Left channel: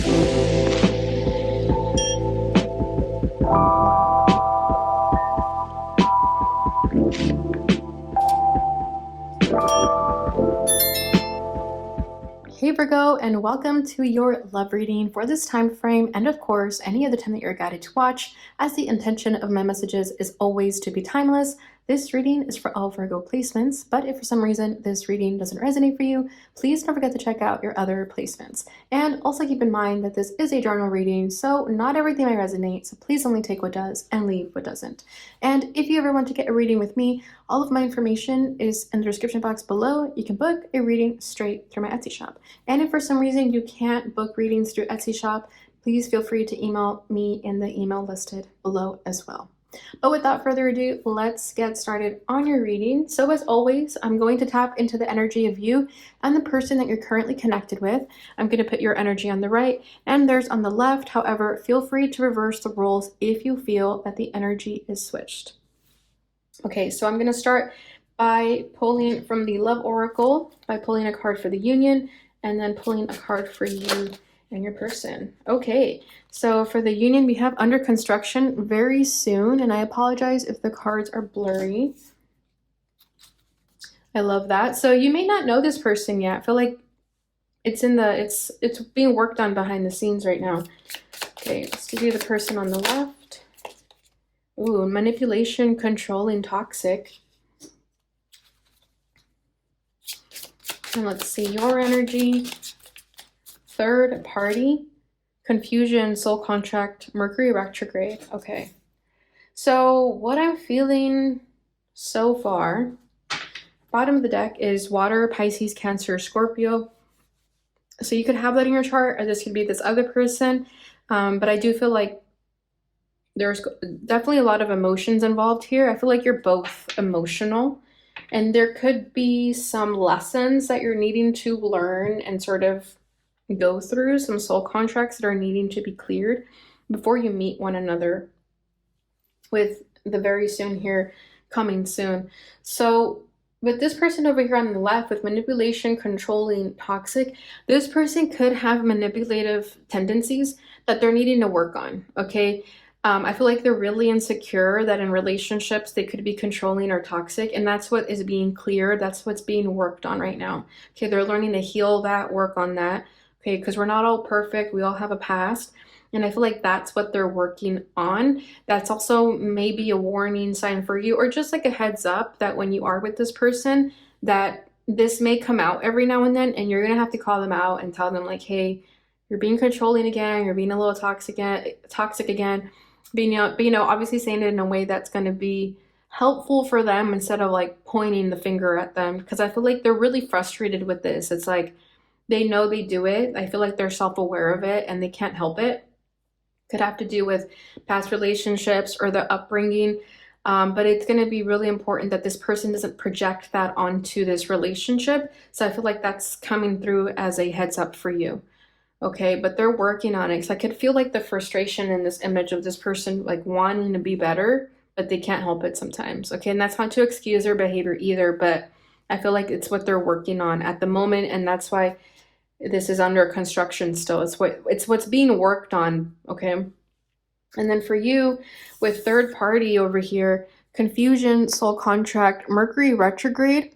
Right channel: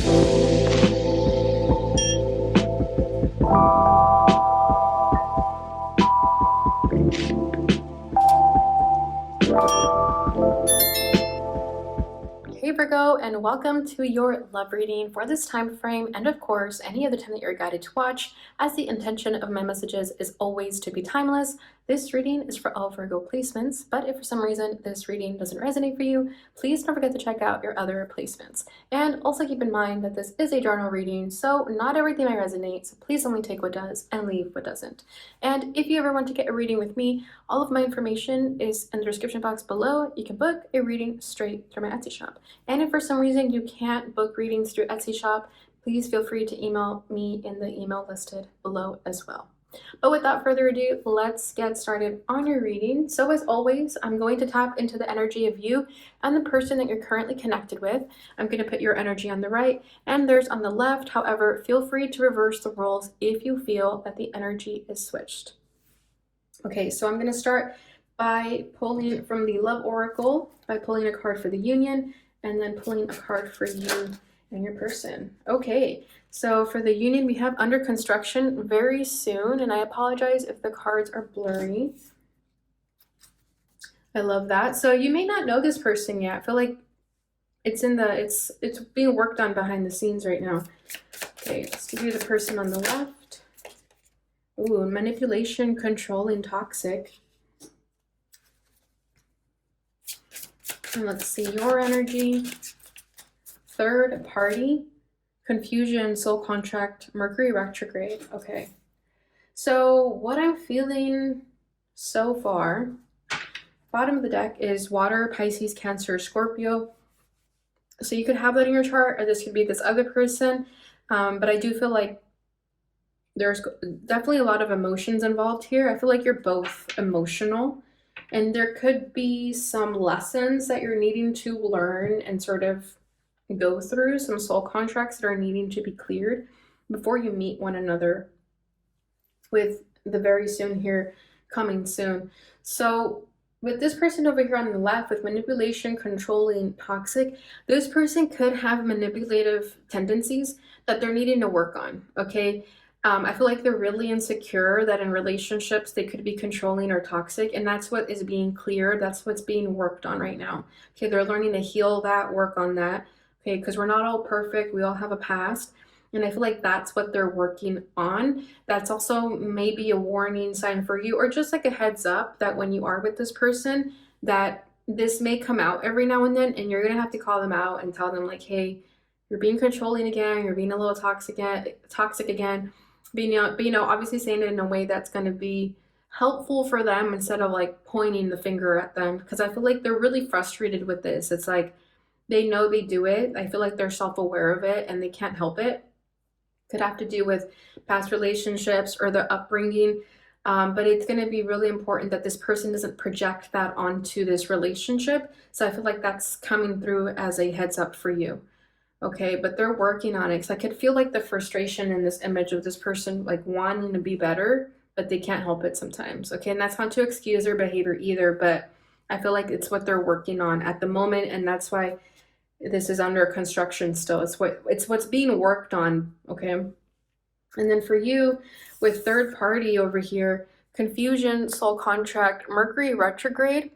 Hey Virgo, and welcome to your love reading for this time frame, and of course any other time that you're guided to watch, as the intention of my messages is always to be timeless. This reading is for all Virgo placements, but if for some reason this reading doesn't resonate for you, please don't forget to check out your other placements. And also keep in mind that this is a journal reading, so not everything may resonate, so please only take what does and leave what doesn't. And if you ever want to get a reading with me, all of my information is in the description box below. You can book a reading straight through my Etsy shop. And if for some reason you can't book readings through Etsy shop, please feel free to email me in the email listed below as well. But without further ado, let's get started on your reading. So as always, I'm going to tap into the energy of you and the person that you're currently connected with. I'm going to put your energy on the right and theirs on the left. However, feel free to reverse the roles if you feel that the energy is switched. Okay, so I'm going to start by pulling from the Love Oracle, by pulling a card for the union, and then pulling a card for you and your person. Okay, so for the union, we have under construction very soon, and I apologize if the cards are blurry. I love that. So you may not know this person yet. I feel like it's being worked on behind the scenes right now. Okay, let's give you the person on the left. Ooh, manipulation, controlling, toxic. And let's see your energy. Third party, confusion, soul contract, Mercury retrograde. Okay. So what I'm feeling so far, bottom of the deck is water, Pisces, Cancer, Scorpio. So you could have that in your chart, or this could be this other person. But I do feel like there's definitely a lot of emotions involved here. I feel like you're both emotional, and there could be some lessons that you're needing to learn and sort of go through, some soul contracts that are needing to be cleared before you meet one another, with the very soon here coming soon. So with this person over here on the left with manipulation, controlling, toxic, this person could have manipulative tendencies that they're needing to work on. Okay, I feel like they're really insecure that in relationships they could be controlling or toxic, and that's what is being cleared. That's what's being worked on right now. Okay, they're learning to heal that, work on that. Okay, because we're not all perfect. We all have a past. And I feel like that's what they're working on. That's also maybe a warning sign for you, or just like a heads up that when you are with this person, that this may come out every now and then, and you're going to have to call them out and tell them like, hey, you're being controlling again. You're being a little toxic again. Obviously saying it in a way that's going to be helpful for them instead of like pointing the finger at them. Because I feel like they're really frustrated with this. It's like, they know they do it. I feel like they're self-aware of it and they can't help it. Could have to do with past relationships or the upbringing. But it's going to be really important that this person doesn't project that onto this relationship. So I feel like that's coming through as a heads up for you. Okay, but they're working on it. So I could feel like the frustration in this image of this person like wanting to be better, but they can't help it sometimes. Okay, and that's not to excuse their behavior either, but I feel like it's what they're working on at the moment, and that's why this is under construction still. It's what's being worked on. Okay, and then for you with third party over here, confusion, soul contract, Mercury retrograde.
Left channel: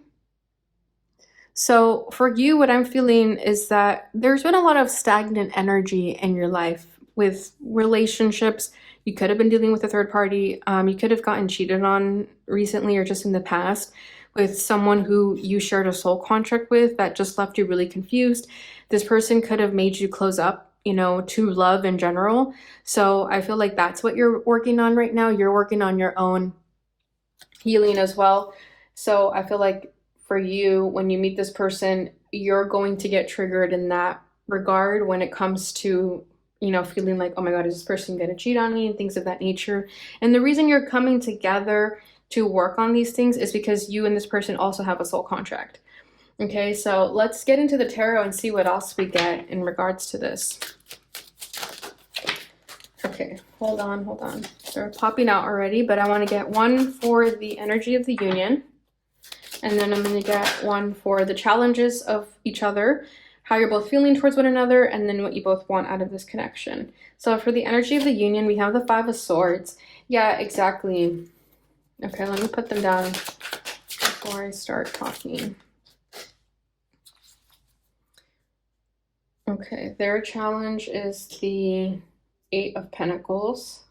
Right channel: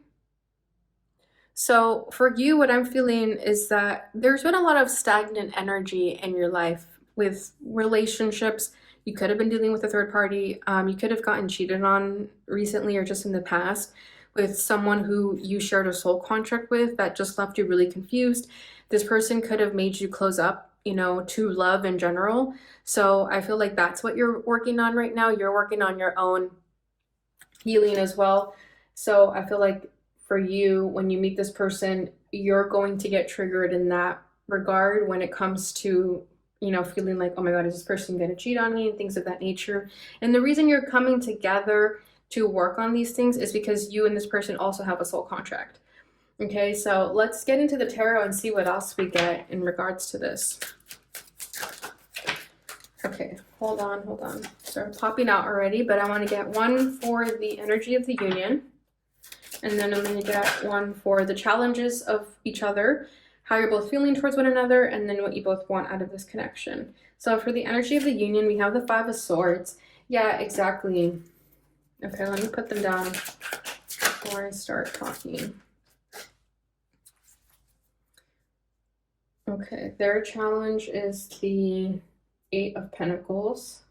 So for you, what I'm feeling is that there's been a lot of stagnant energy in your life with relationships. You could have been dealing with a third party. You could have gotten cheated on recently or just in the past with someone who you shared a soul contract with that just left you really confused. This person could have made you close up, to love in general. So I feel like that's what you're working on right now. You're working on your own healing as well. So I feel like for you, when you meet this person, you're going to get triggered in that regard when it comes to, feeling like, oh my God, is this person going to cheat on me and things of that nature. And the reason you're coming together to work on these things is because you and this person also have a soul contract. Okay, so let's get into the tarot and see what else we get in regards to this. Okay, hold on. They're popping out already, but I want to get one for the energy of the union. And then I'm going to get one for the challenges of each other. how you're both feeling towards one another, and then what you both want out of this connection. So for the energy of the union, we have the Five of Swords. Yeah, exactly. Okay, let me put them down before I start talking. Okay, their challenge is the Eight of Pentacles.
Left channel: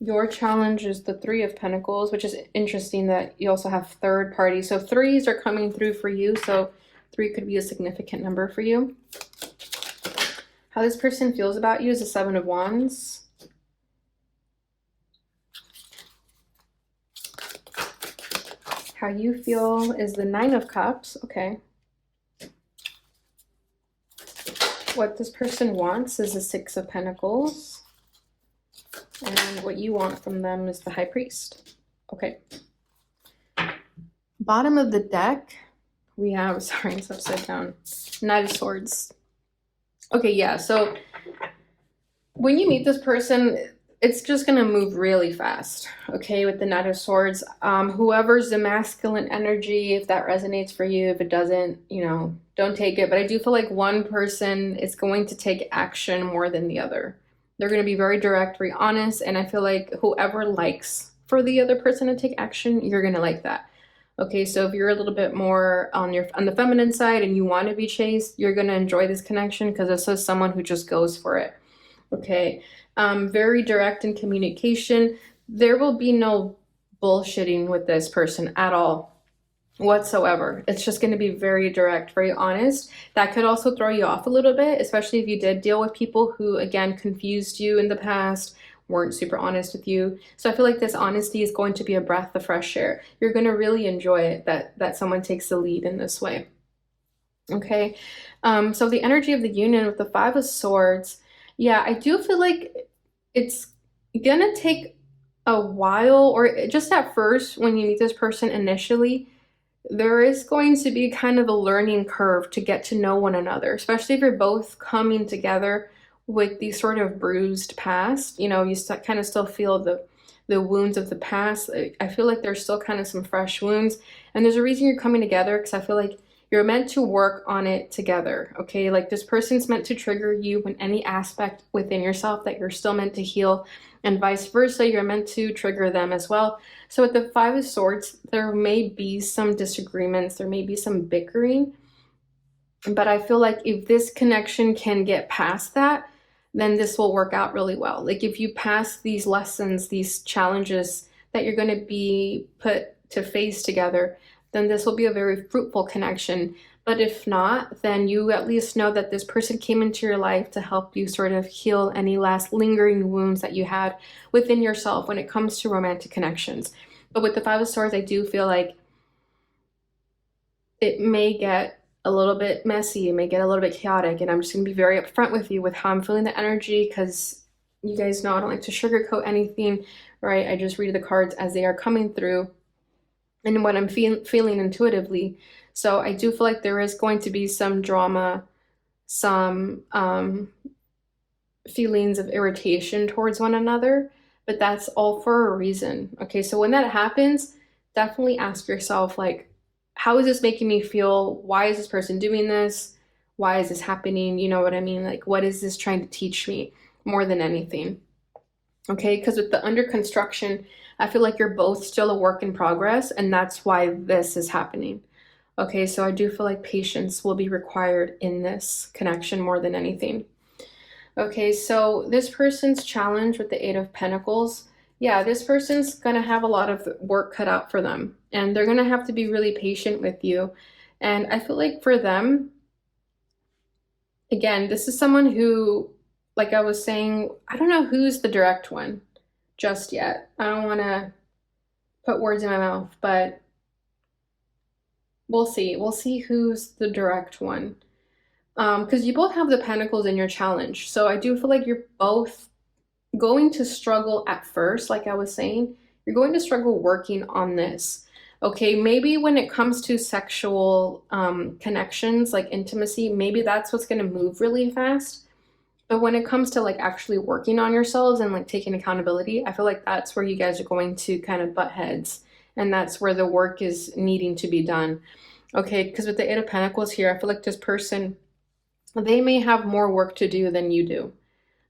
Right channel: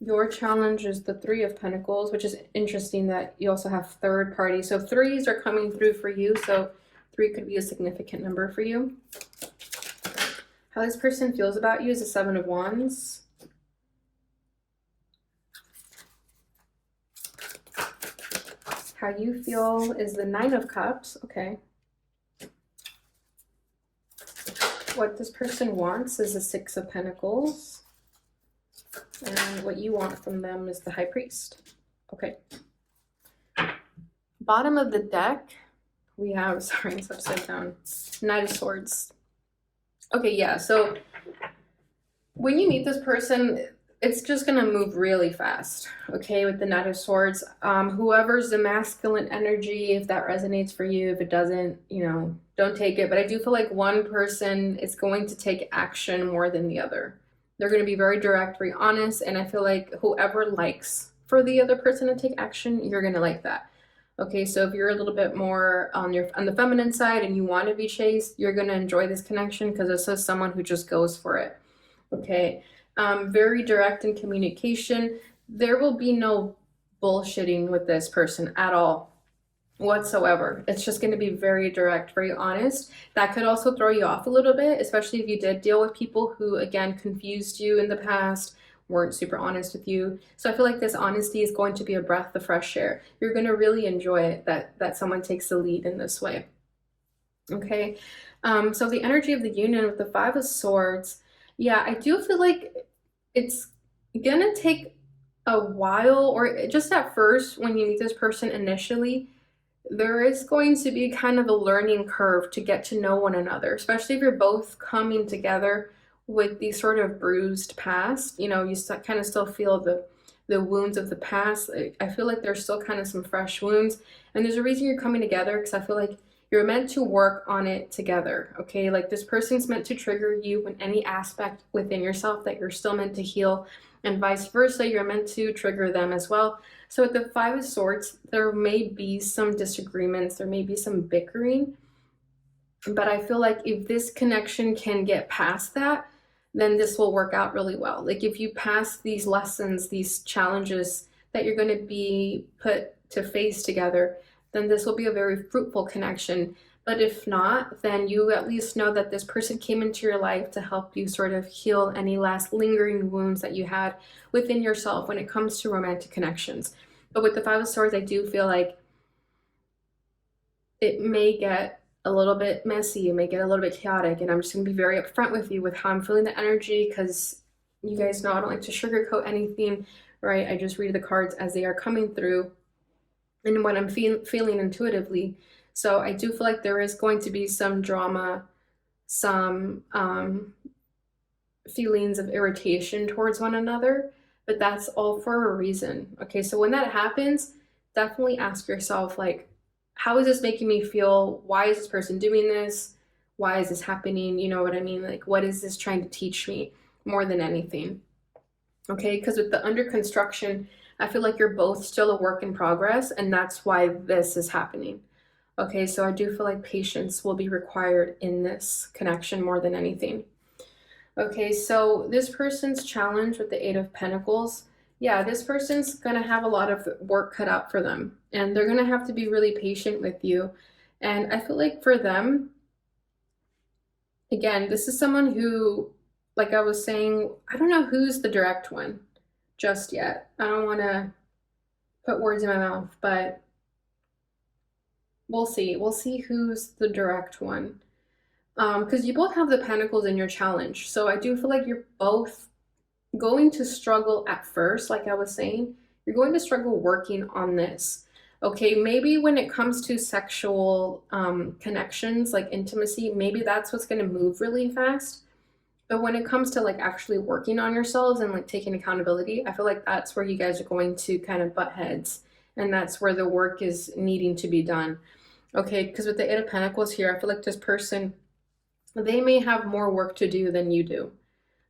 Your challenge is the Three of Pentacles, which is interesting that you also have third party. So threes are coming through for you. So 3 could be a significant number for you. How this person feels about you is the Seven of Wands. How you feel is the Nine of Cups. Okay. What this person wants is the Six of Pentacles. And what you want from them is the High Priest. Okay. Bottom of the deck, we have, sorry, it's upside down, Knight of Swords. Okay, yeah, so when you meet this person, it's just going to move really fast, okay, with the Knight of Swords. Whoever's the masculine energy, if that resonates for you, if it doesn't, you know, don't take it. But I do feel like one person is going to take action more than the other. They're going to be very direct, very honest, and I feel like whoever likes for the other person to take action, you're going to like that. Okay, so if you're a little bit more on the feminine side and you want to be chased, you're going to enjoy this connection because this is someone who just goes for it. Okay, very direct in communication. There will be no bullshitting with this person at all whatsoever. It's just going to be very direct, very honest. That could also throw you off a little bit, especially if you did deal with people who, again, confused you in the past, weren't super honest with you. So I feel like this honesty is going to be a breath of fresh air. You're going to really enjoy it that someone takes the lead in this way. Okay, so the energy of the union with the Five of Swords, yeah, I do feel like it's gonna take a while, or just at first when you meet this person initially, there is going to be kind of a learning curve to get to know one another, especially if you're both coming together with these sort of bruised past. You know, you kind of still feel the wounds of the past. I feel like there's still kind of some fresh wounds, and there's a reason you're coming together, because I feel like you're meant to work on it together, okay? Like this person's meant to trigger you in any aspect within yourself that you're still meant to heal, and vice versa, you're meant to trigger them as well. So with the Five of Swords, there may be some disagreements, there may be some bickering, but I feel like if this connection can get past that, then this will work out really well. Like if you pass these lessons, these challenges that you're going to be put to face together, then this will be a very fruitful connection. But if not, then you at least know that this person came into your life to help you sort of heal any last lingering wounds that you had within yourself when it comes to romantic connections. But with the Five of Swords, I do feel like it may get a little bit messy, it may get a little bit chaotic, and I'm just going to be very upfront with you with how I'm feeling the energy, because you guys know I don't like to sugarcoat anything, right? I just read the cards as they are coming through and what I'm feeling intuitively. So I do feel like there is going to be some drama, some feelings of irritation towards one another, but that's all for a reason. Okay, so when that happens, definitely ask yourself, like, how is this making me feel? Why is this person doing this? Why is this happening? You know what I mean? Like, what is this trying to teach me more than anything? Okay, because with the under construction, I feel like you're both still a work in progress, and that's why this is happening. Okay, so I do feel like patience will be required in this connection more than anything. Okay, so this person's challenge with the Eight of Pentacles, yeah, this person's gonna have a lot of work cut out for them, and they're gonna have to be really patient with you. And I feel like for them, again, this is someone who, like I was saying, I don't know who's the direct one just yet. I don't want to put words in my mouth, but we'll see. We'll see who's the direct one. Because you both have the Pentacles in your challenge. So I do feel like you're both going to struggle at first, like I was saying. You're going to struggle working on this. Okay, maybe when it comes to sexual connections, like intimacy, maybe that's what's going to move really fast. But when it comes to like actually working on yourselves and like taking accountability, I feel like that's where you guys are going to kind of butt heads and that's where the work is needing to be done. Okay, because with the Eight of Pentacles here, I feel like this person, they may have more work to do than you do.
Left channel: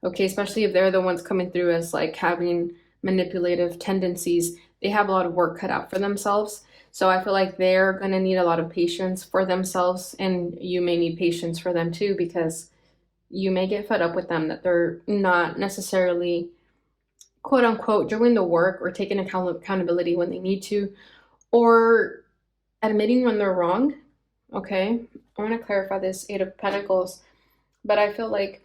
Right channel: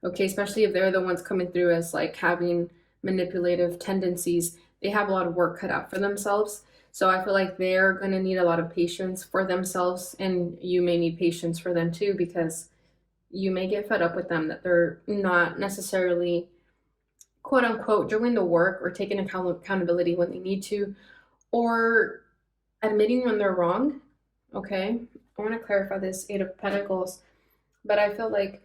Okay, especially if they're the ones coming through as like having manipulative tendencies. They have a lot of work cut out for themselves. So I feel like they're going to need a lot of patience for themselves, and you may need patience for them too, because you may get fed up with them that they're not necessarily, quote unquote, doing the work or taking accountability when they need to, or admitting when they're wrong. Okay, I want to clarify this Eight of Pentacles, but I feel like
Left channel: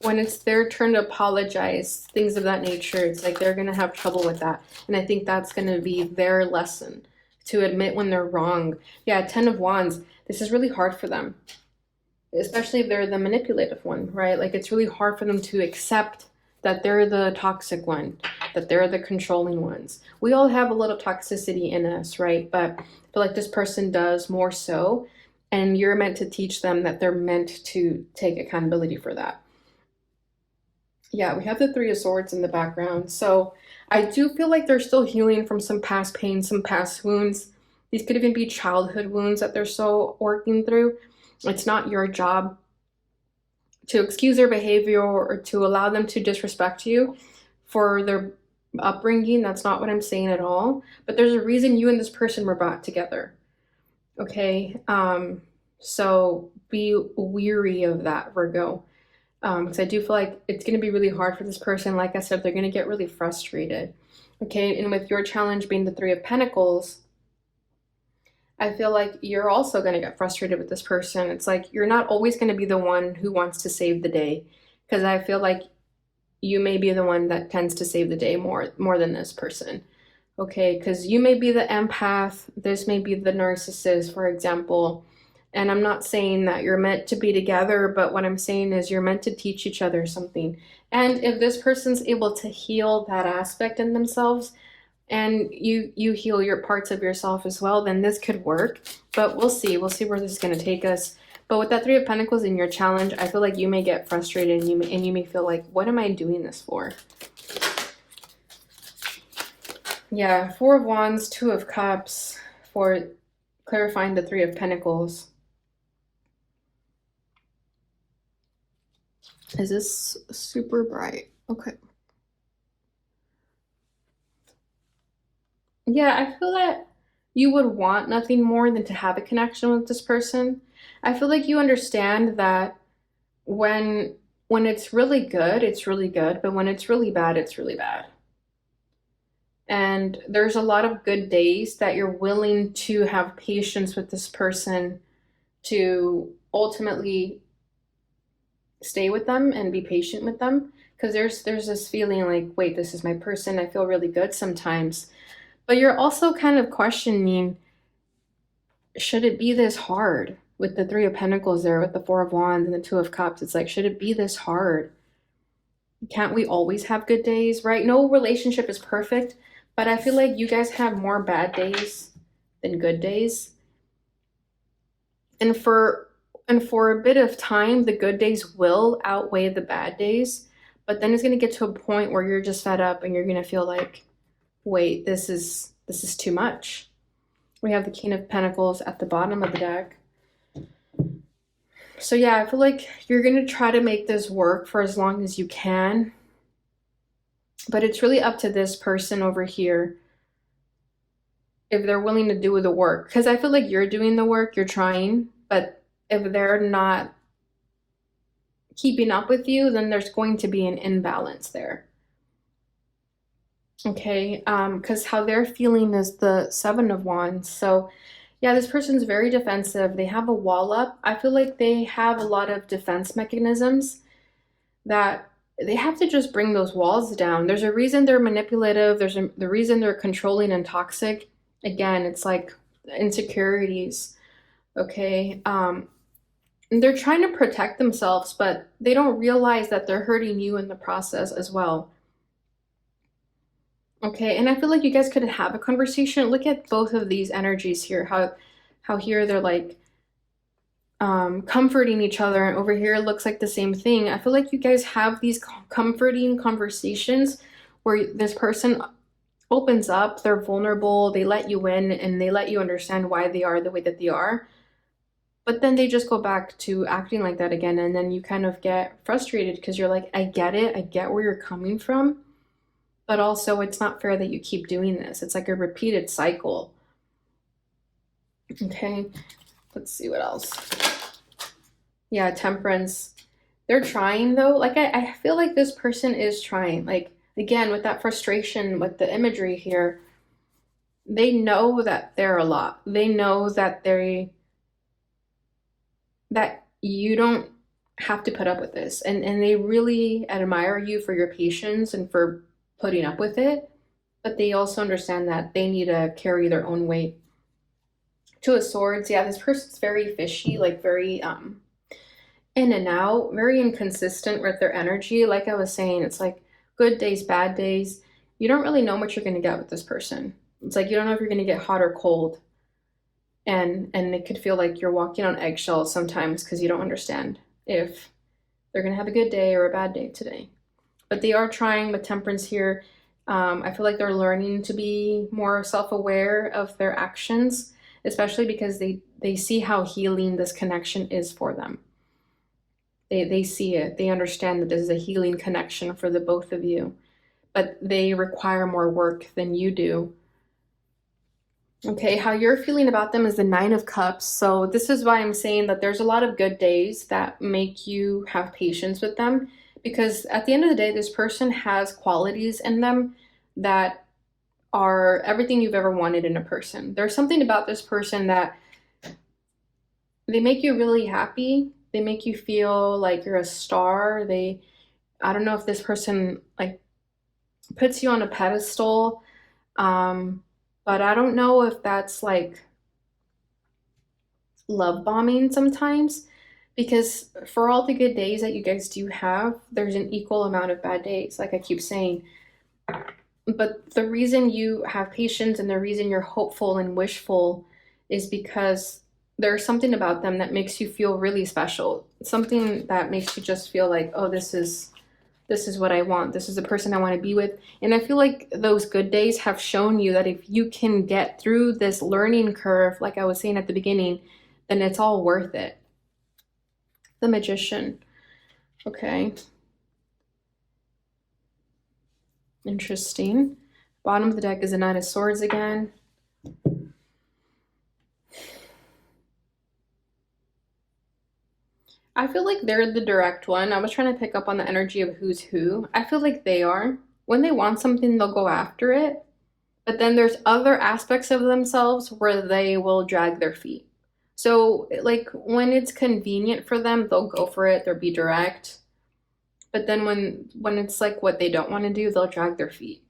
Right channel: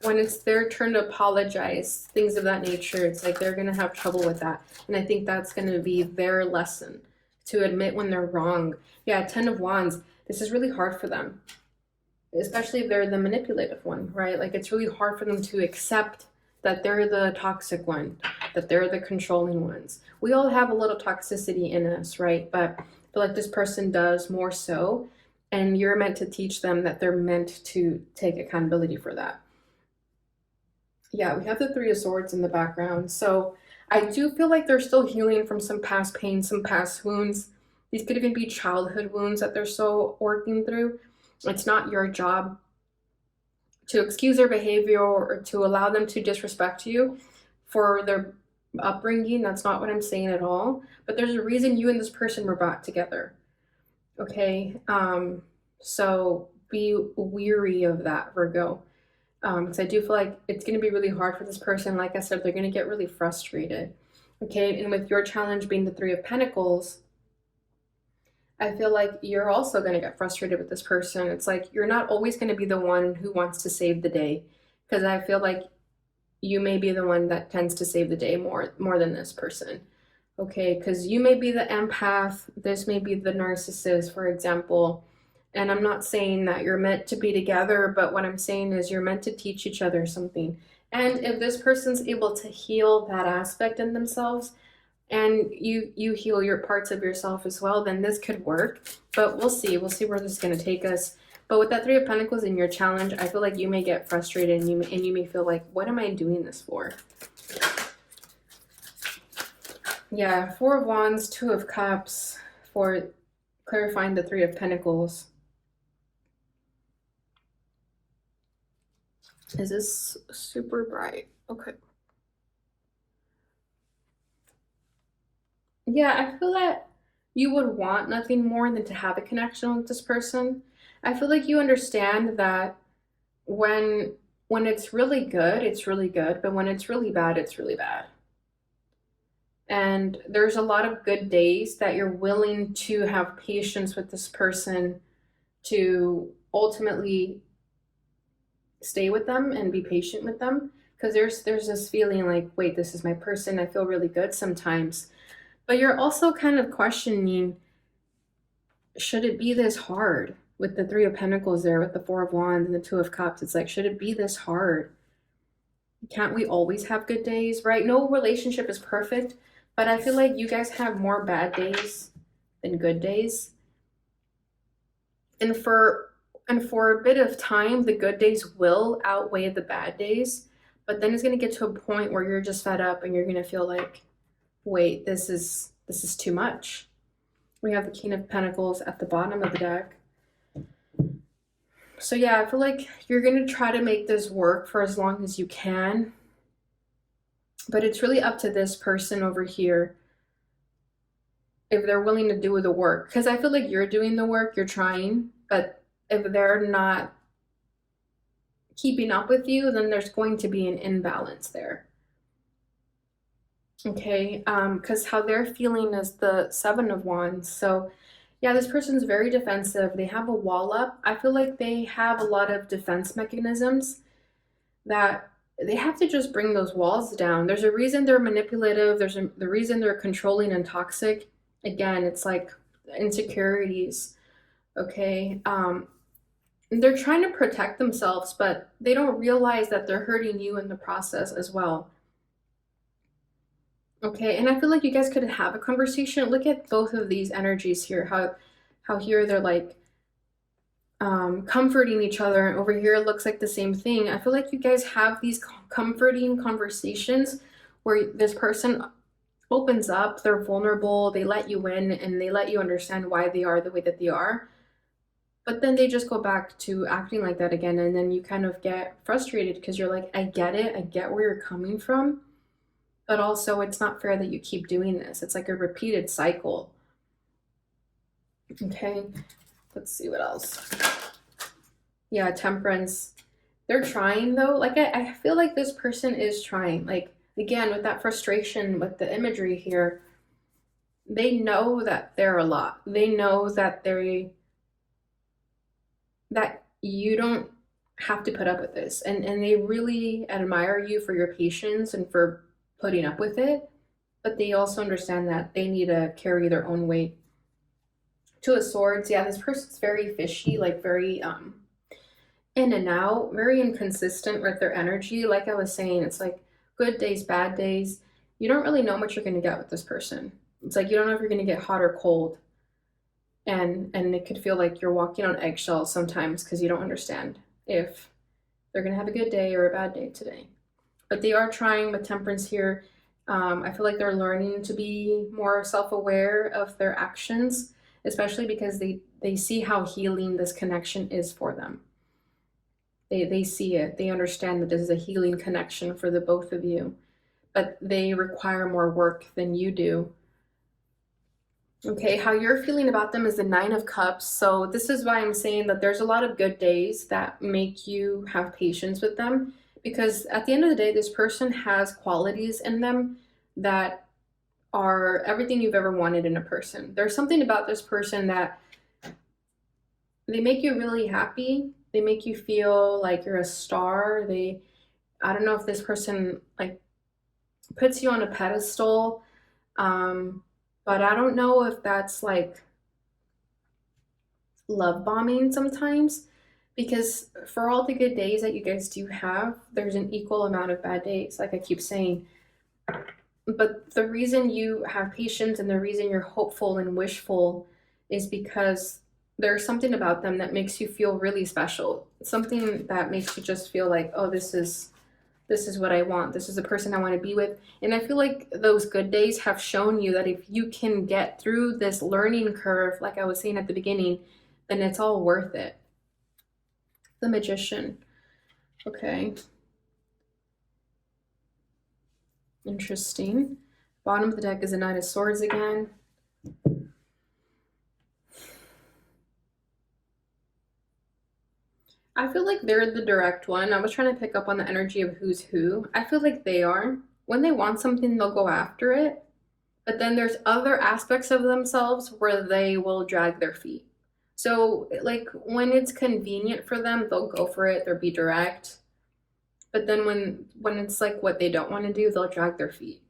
when it's their turn to apologize, things of that nature, it's like they're going to have trouble with that. And I think that's going to be their lesson, to admit when they're wrong. Yeah, Ten of Wands, this is really hard for them, especially if they're the manipulative one, right? Like it's really hard for them to accept that they're the toxic one, that they're the controlling ones. We all have a little toxicity in us, right? But I feel like this person does more so, and you're meant to teach them that they're meant to take accountability for that. Yeah, we have the Three of Swords in the background. So I do feel like they're still healing from some past pain, some past wounds. These could even be childhood wounds that they're still working through. It's not your job to excuse their behavior or to allow them to disrespect you for their upbringing. That's not what I'm saying at all. But there's a reason you and this person were brought together. Okay? So be weary of that, Virgo. Because I do feel like it's going to be really hard for this person. Like I said, they're going to get really frustrated. Okay, and with your challenge being the Three of Pentacles, I feel like you're also going to get frustrated with this person. It's like you're not always going to be the one who wants to save the day, because I feel like you may be the one that tends to save the day more than this person. Okay, because you may be the empath, this may be the narcissist, for example. And I'm not saying that you're meant to be together, but what I'm saying is you're meant to teach each other something. And if this person's able to heal that aspect in themselves, and you heal your parts of yourself as well, then this could work. But we'll see where this is going to take us. But with that Three of Pentacles in your challenge, I feel like you may get frustrated, and you may feel like, what am I doing this for? Yeah, Four of Wands, Two of Cups for clarifying the Three of Pentacles. Is this super bright? Okay. Yeah, I feel that you would want nothing more than to have a connection with this person. I feel like you understand that when it's really good, it's really good, but when it's really bad, it's really bad. And there's a lot of good days that you're willing to have patience with this person to ultimately stay with them and be patient with them, because there's this feeling like, wait, this is my person, I feel really good sometimes. But you're also kind of questioning, should it be this hard? With the Three of Pentacles there, with the Four of Wands and the Two of Cups, it's like, should it be this hard? Can't we always have good days, right? No relationship is perfect, but I feel like you guys have more bad days than good days. And for a bit of time, the good days will outweigh the bad days, but then it's going to get to a point where you're just fed up and you're going to feel like, wait, this is too much. We have the King of Pentacles at the bottom of the deck. So yeah, I feel like you're going to try to make this work for as long as you can, but it's really up to this person over here if they're willing to do the work. Because I feel like you're doing the work, you're trying, but if they're not keeping up with you, then there's going to be an imbalance there. Okay, because how they're feeling is the Seven of Wands. So yeah, this person's very defensive. They have a wall up. I feel like they have a lot of defense mechanisms that they have to just bring those walls down. There's a reason they're manipulative. There's the reason they're controlling and toxic. Again, it's like insecurities. Okay, they're trying to protect themselves, but they don't realize that they're hurting you in the process as well. Okay, and I feel like you guys could have a conversation. Look at both of these energies here. How here they're like comforting each other, and over here it looks like the same thing. I feel like you guys have these comforting conversations where this person opens up, they're vulnerable, they let you in, and they let you understand why they are the way that they are. But then they just go back to acting like that again, and then you kind of get frustrated because you're like, I get it, I get where you're coming from, but also it's not fair that you keep doing this. It's like a repeated cycle. Okay, let's see what else. Yeah, Temperance. They're trying though. Like I feel like this person is trying. Like again, with that frustration with the imagery here, they know that they're a lot. They know that that you don't have to put up with this. And they really admire you for your patience and for putting up with it. But they also understand that they need to carry their own weight. Two of Swords, yeah, this person's very fishy, like very in and out, very inconsistent with their energy. Like I was saying, it's like good days, bad days. You don't really know what you're going to get with this person. It's like you don't know if you're going to get hot or cold. And it could feel like you're walking on eggshells sometimes because you don't understand if they're going to have a good day or a bad day today. But they are trying with Temperance here. I feel like they're learning to be more self-aware of their actions, especially because they see how healing this connection is for them. They see it. They understand that this is a healing connection for the both of you, but they require more work than you do. Okay, how you're feeling about them is the Nine of Cups. So this is why I'm saying that there's a lot of good days that make you have patience with them, because at the end of the day, this person has qualities in them that are everything you've ever wanted in a person. There's something about this person that they make you really happy. They make you feel like you're a star. I don't know if this person like puts you on a pedestal. But I don't know if that's like love bombing sometimes, because for all the good days that you guys do have, there's an equal amount of bad days, like I keep saying. But the reason you have patience and the reason you're hopeful and wishful is because there's something about them that makes you feel really special. Something that makes you just feel like, oh, this is what I want. This is the person I want to be with. And I feel like those good days have shown you that if you can get through this learning curve, like I was saying at the beginning, then it's all worth it. The Magician. Okay. Interesting. Bottom of the deck is the Knight of Swords again. I feel like they're the direct one. I was trying to pick up on the energy of who's who. I feel like they are. When they want something, they'll go after it. But then there's other aspects of themselves where they will drag their feet. So, like, when it's convenient for them, they'll go for it. They'll be direct. But then when it's like what they don't want to do, they'll drag their feet.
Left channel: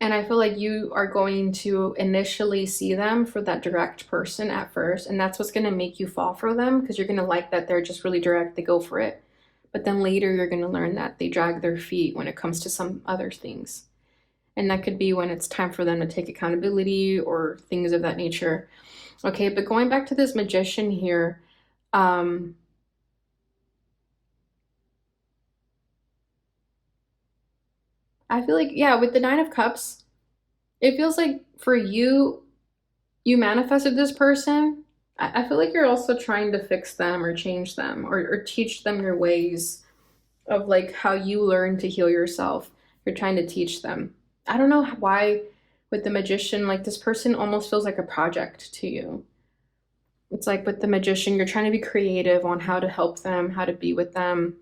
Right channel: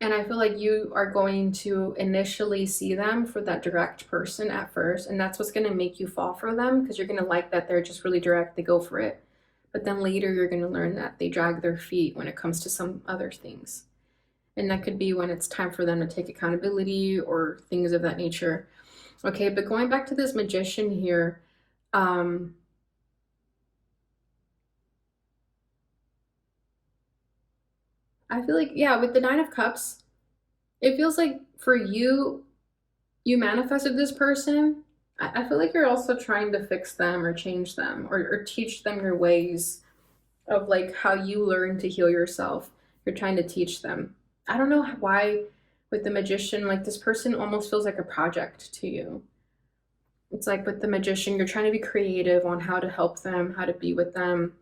And I feel like you are going to initially see them for that direct person at first, and that's what's going to make you fall for them, because you're going to like that they're just really direct, they go for it. But then later you're going to learn that they drag their feet when it comes to some other things. And that could be when it's time for them to take accountability or things of that nature. Okay, but going back to this Magician here, I feel like, yeah, with the Nine of Cups, it feels like for you, you manifested this person. I feel like you're also trying to fix them or change them or teach them your ways of like how you learn to heal yourself. You're trying to teach them. I don't know why with the Magician, like this person almost feels like a project to you. It's like with the Magician, you're trying to be creative on how to help them, how to be with them.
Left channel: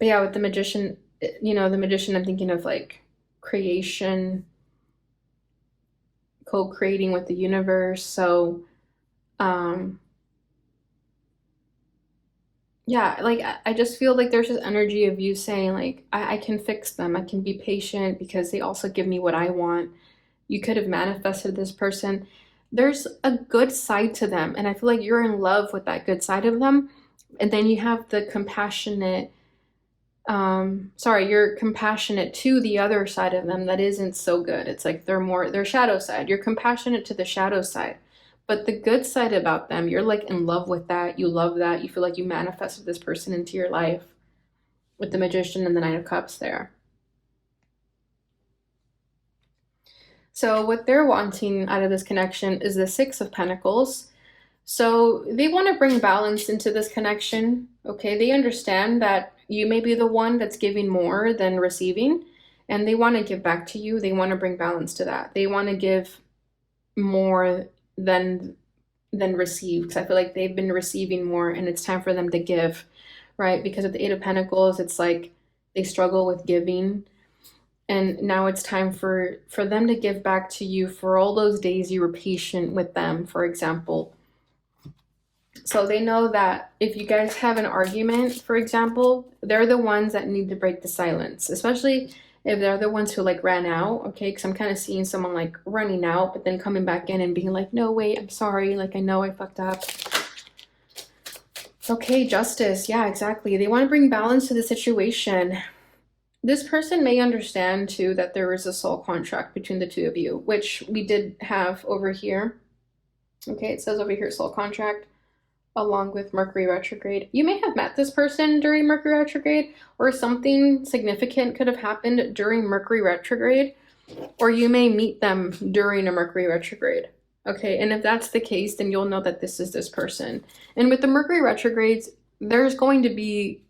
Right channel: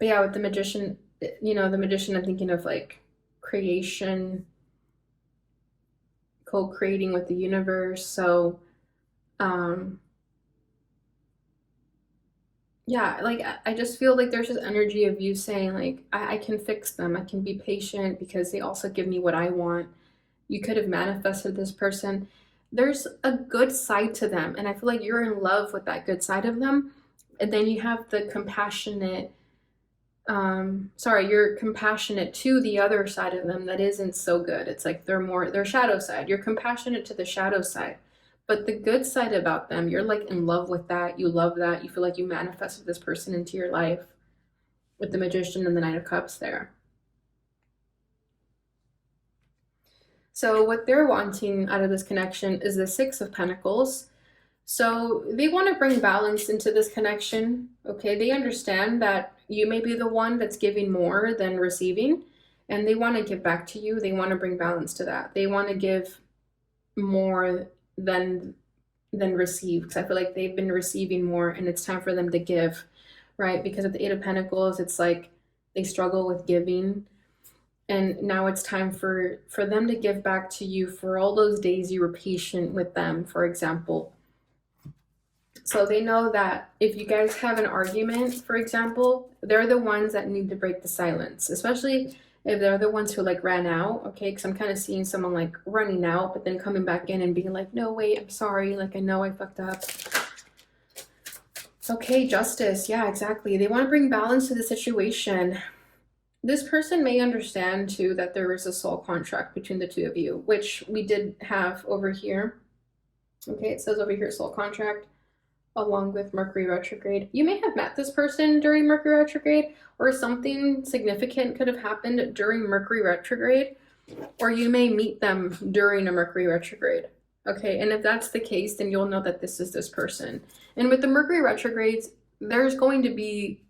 But yeah, with the Magician, the Magician, I'm thinking of like creation, co-creating with the universe. So, yeah, like I just feel like there's this energy of you saying like, I can fix them. I can be patient because they also give me what I want. You could have manifested this person. There's a good side to them, and I feel like you're in love with that good side of them. And then you have the compassionate, you're compassionate to the other side of them that isn't so good. It's like their shadow side. You're compassionate to the shadow side. But the good side about them, you're like in love with that. You love that. You feel like you manifested this person into your life. with the Magician and the Knight of Cups there. So what they're wanting out of this connection is the Six of Pentacles. So they want to bring balance into this connection. Okay, they understand that you may be the one that's giving more than receiving, and they want to give back to you. They want to bring balance to that. They want to give more than receive, because I feel like they've been receiving more and it's time for them to give, right? Because of the Eight of Pentacles, it's like they struggle with giving, and now it's time for them to give back to you for all those days you were patient with them, for example. So they know that if you guys have an argument, for example, they're the ones that need to break the silence, especially if they're the ones who like ran out, okay? Because I'm kind of seeing someone like running out, but then coming back in and being like, no, wait, I'm sorry. Like, I know I fucked up. Okay, Justice. Yeah, exactly. They want to bring balance to the situation. This person may understand too that there is a soul contract between the two of you, which we did have over here. Okay, it says over here, soul contract, along with Mercury retrograde. You may have met this person during Mercury retrograde, or something significant could have happened during Mercury retrograde, or you may meet them during a Mercury retrograde. Okay, and if that's the case, then you'll know that this is this person. And with the Mercury retrogrades, there's going to be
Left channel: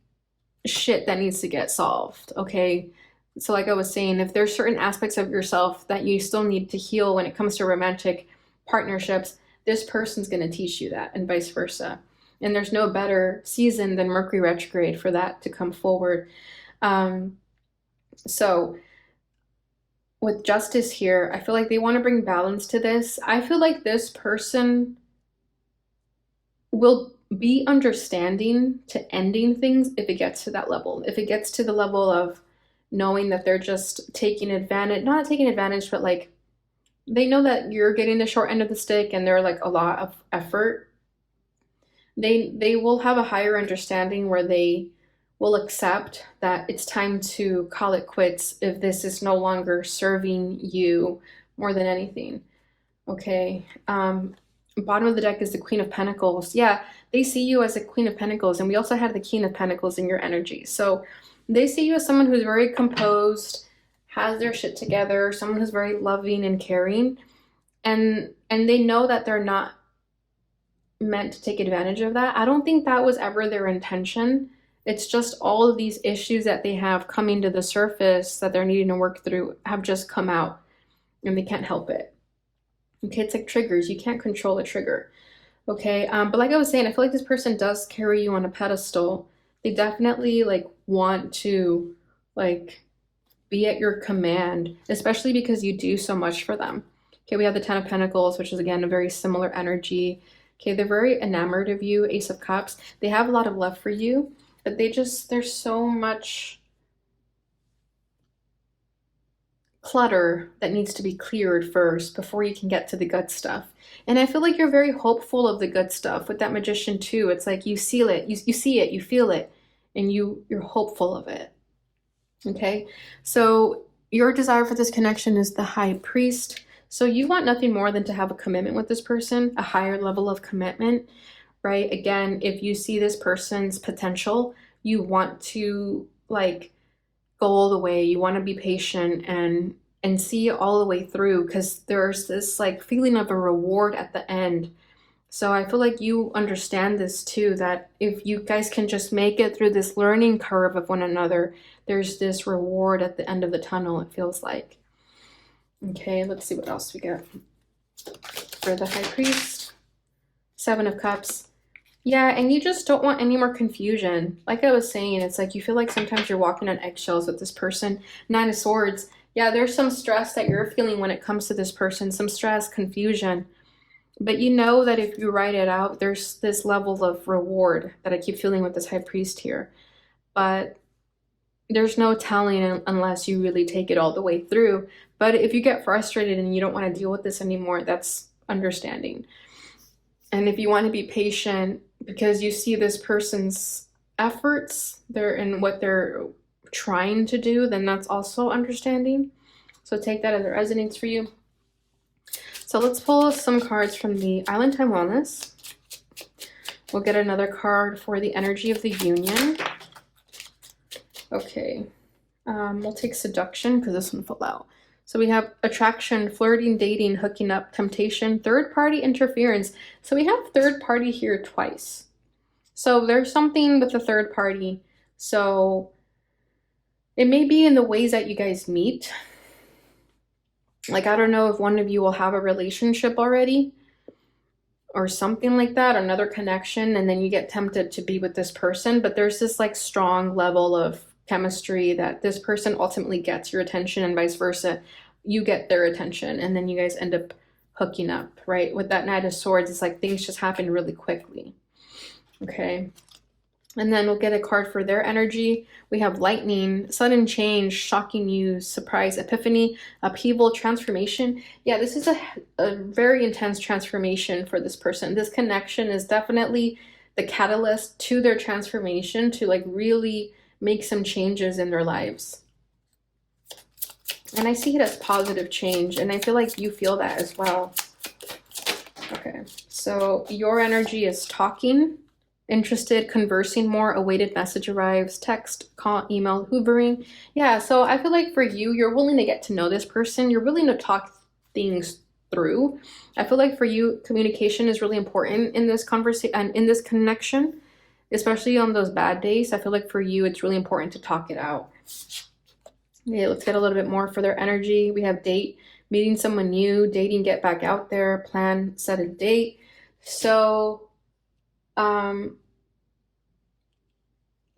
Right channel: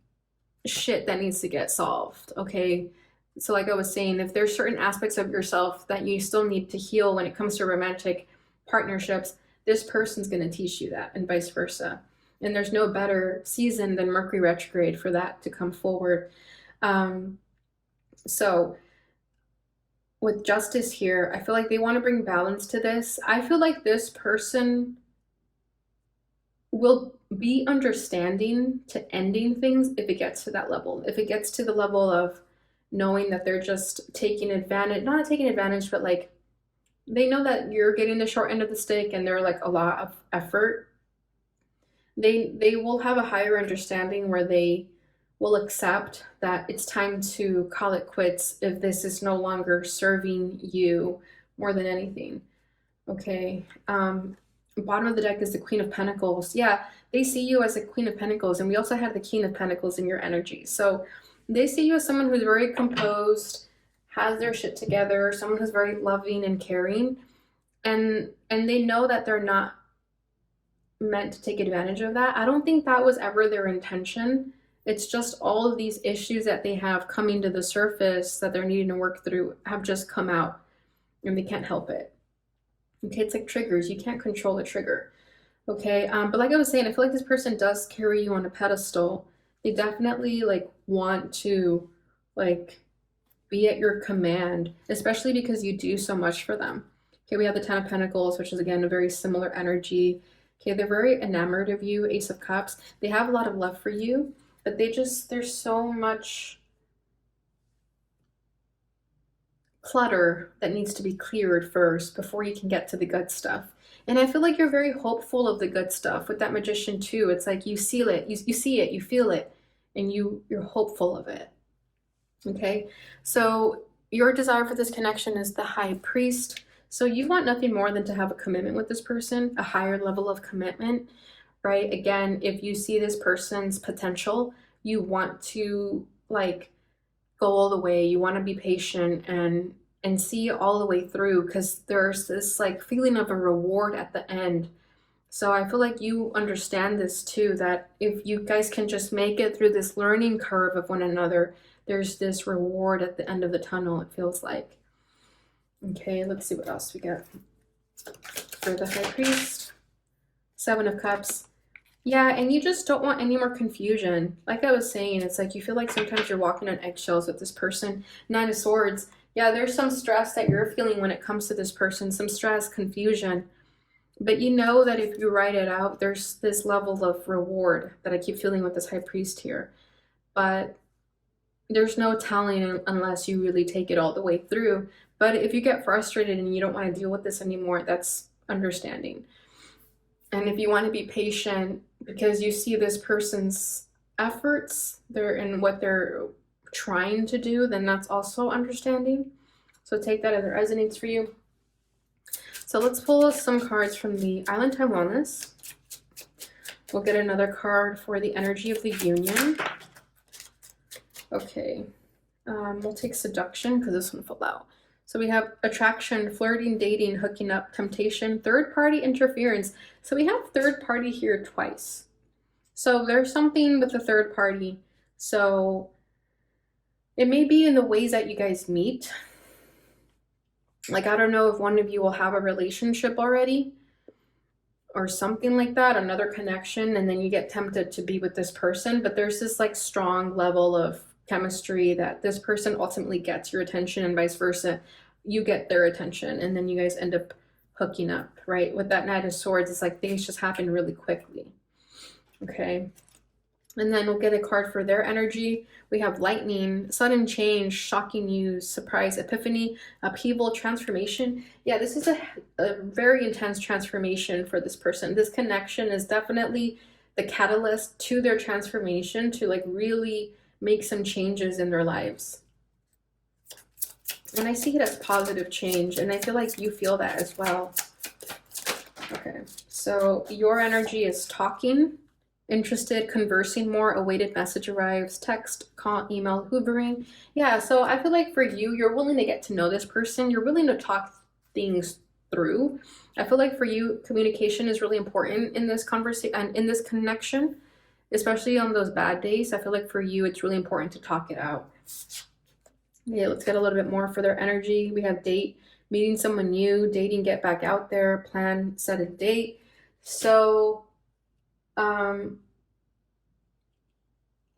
shit that needs to get solved, okay? So like I was saying, if there's certain aspects of yourself that you still need to heal when it comes to romantic partnerships, this person's going to teach you that, and vice versa. And there's no better season than Mercury retrograde for that to come forward. So with Justice here, I feel like they want to bring balance to this. I feel like this person will be understanding to ending things if it gets to that level. If it gets to the level of knowing that they're just taking advantage, not taking advantage, but like they know that you're getting the short end of the stick and they're like a lot of effort. They will have a higher understanding where they will accept that it's time to call it quits if this is no longer serving you more than anything. Okay. Bottom of the deck is the Queen of Pentacles. Yeah, they see you as a Queen of Pentacles, and we also have the King of Pentacles in your energy. So they see you as someone who's very composed, has their shit together, someone who's very loving and caring, and they know that they're not meant to take advantage of that. I don't think that was ever their intention. It's just all of these issues that they have coming to the surface that they're needing to work through have just come out, and they can't help it. Okay, it's like triggers. You can't control a trigger. Okay, but like I was saying, I feel like this person does carry you on a pedestal. They definitely like want to like be at your command, especially because you do so much for them. Okay, we have the Ten of Pentacles, which is again a very similar energy. Okay, they're very enamored of you. Ace of Cups. They have a lot of love for you, but there's so much clutter that needs to be cleared first before you can get to the good stuff. And I feel like you're very hopeful of the good stuff with that Magician too. It's like you seal it, you see it, you feel it, and you're hopeful of it. Okay, so your desire for this connection is the High Priest. So you want nothing more than to have a commitment with this person, a higher level of commitment, right? Again, if you see this person's potential, you want to like go all the way. You want to be patient and see all the way through, because there's this like feeling of a reward at the end. So I feel like you understand this too, that if you guys can just make it through this learning curve of one another, there's this reward at the end of the tunnel, it feels like. Okay, let's see what else we get for the High Priest. Seven of Cups. Yeah, and you just don't want any more confusion. Like I was saying, it's like you feel like sometimes you're walking on eggshells with this person. Nine of Swords. Yeah, there's some stress that you're feeling when it comes to this person. Some stress, confusion. But you know that if you write it out, there's this level of reward that I keep feeling with this High Priest here. But there's no telling unless you really take it all the way through. But if you get frustrated and you don't want to deal with this anymore, that's understanding. And if you want to be patient because you see this person's efforts, they're in what they're trying to do, then that's also understanding. So take that as it resonates for you. So let's pull some cards from the Island Time Wellness. We'll get another card for the energy of the union. Okay. We'll take seduction because this one fell out. So we have attraction, flirting, dating, hooking up, temptation, third party interference. So we have third party here twice. So there's something with the third party. So it may be in the ways that you guys meet. Like, I don't know if one of you will have a relationship already or something like that, another connection, and then you get tempted to be with this person. But there's this like strong level of chemistry that this person ultimately gets your attention and vice versa. You get their attention and then you guys end up hooking up, right? With that Knight of Swords, it's like things just happen really quickly. Okay. And then we'll get a card for their energy. We have lightning, sudden change, shocking news, surprise, epiphany, upheaval, transformation. Yeah, this is a very intense transformation for this person. This connection is definitely the catalyst to their transformation, to like really make some changes in their lives. And I see it as positive change, and I feel like you feel that as well. Okay, so your energy is talking, interested, conversing more, awaited message arrives, text, call, email, hoovering. Yeah, so I feel like for you, you're willing to get to know this person. You're willing to talk things through. I feel like for you, communication is really important in this conversation and in this connection, especially on those bad days. I feel like for you, it's really important to talk it out. Okay, let's get a little bit more for their energy. We have date, meeting someone new, dating, get back out there, plan, set a date. So,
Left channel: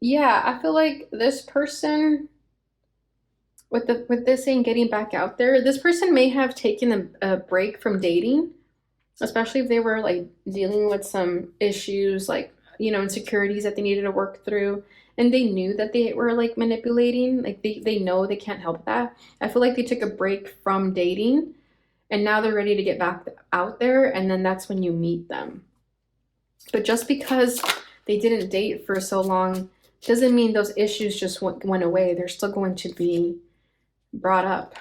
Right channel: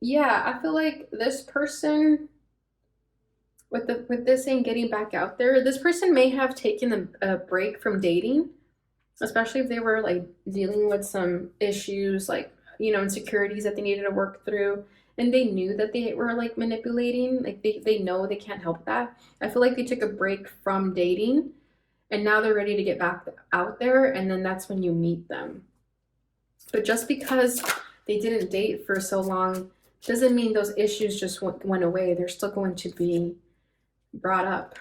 yeah, I feel like this person, with this saying getting back out there, this person may have taken a break from dating, especially if they were like dealing with some issues like, you know, insecurities that they needed to work through, and they knew that they were like manipulating, like they know they can't help that. I feel like they took a break from dating and now they're ready to get back out there, and then that's when you meet them. But just because they didn't date for so long doesn't mean those issues just went away. They're still going to be brought up.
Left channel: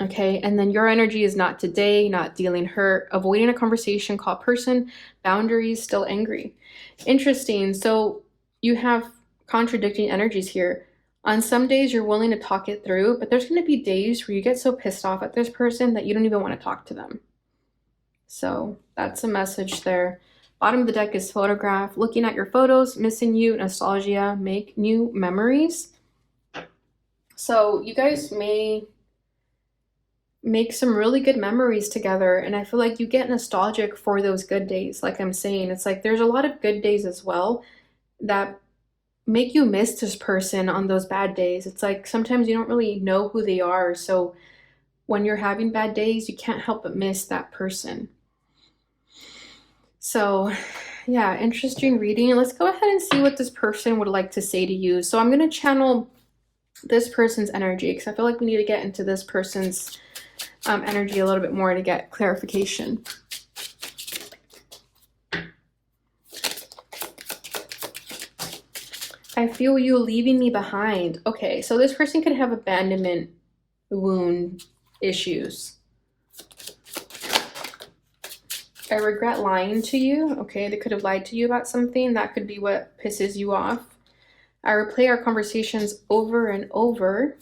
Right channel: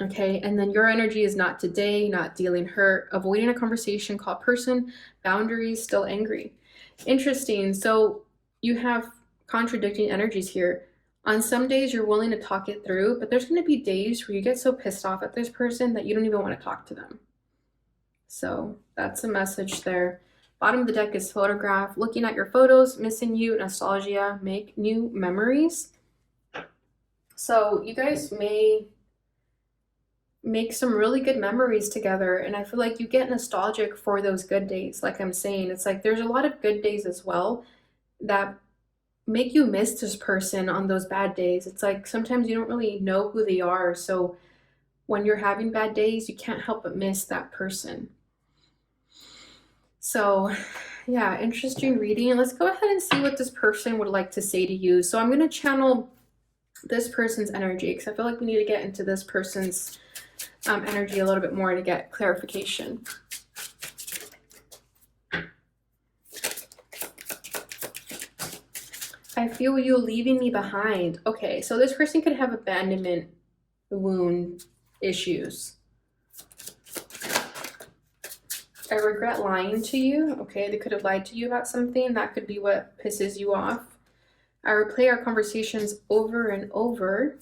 Okay, and then your energy is not today, not dealing hurt, avoiding a conversation, call person, boundaries, still angry. Interesting. So you have contradicting energies here. On some days you're willing to talk it through, but there's going to be days where you get so pissed off at this person that you don't even want to talk to them. So that's a message there. Bottom of the deck is photograph, looking at your photos, missing you, nostalgia, make new memories. So you guys may make some really good memories together, and I feel like you get nostalgic for those good days. Like I'm saying, it's like there's a lot of good days as well that make you miss this person on those bad days. It's like sometimes you don't really know who they are, so when you're having bad days, you can't help but miss that person. So yeah, interesting reading. Let's go ahead and see what this person would like to say to you. So I'm going to channel this person's energy because I feel like we need to get into this person's energy a little bit more to get clarification. I feel you leaving me behind. Okay, so this person could have abandonment wound issues. I regret lying to you. Okay, they could have lied to you about something. That could be what pisses you off. I replay our conversations over and over.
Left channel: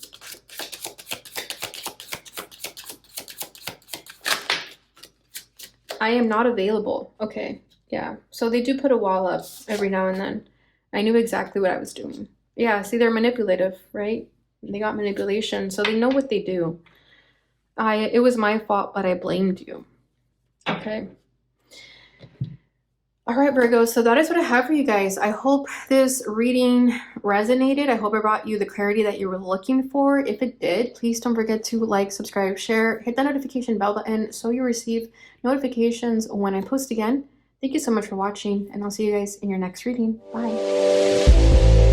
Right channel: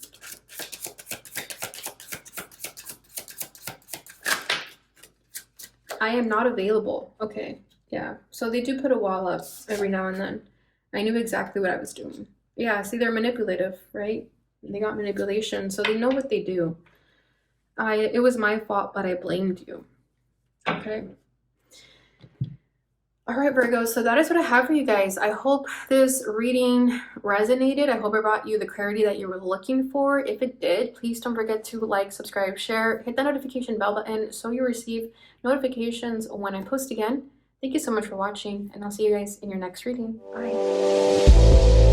I am not available. Okay, yeah. So they do put a wall up every now and then. I knew exactly what I was doing. Yeah, see, they're manipulative, right? They got manipulation, so they know what they do. It was my fault, but I blamed you. Okay. All right, Virgo, so that is what I have for you guys. I hope this reading resonated. I hope it brought you the clarity that you were looking for. If it did, please don't forget to like, subscribe, share, hit that notification bell button so you receive notifications when I post again. Thank you so much for watching, and I'll see you guys in your next reading. Bye.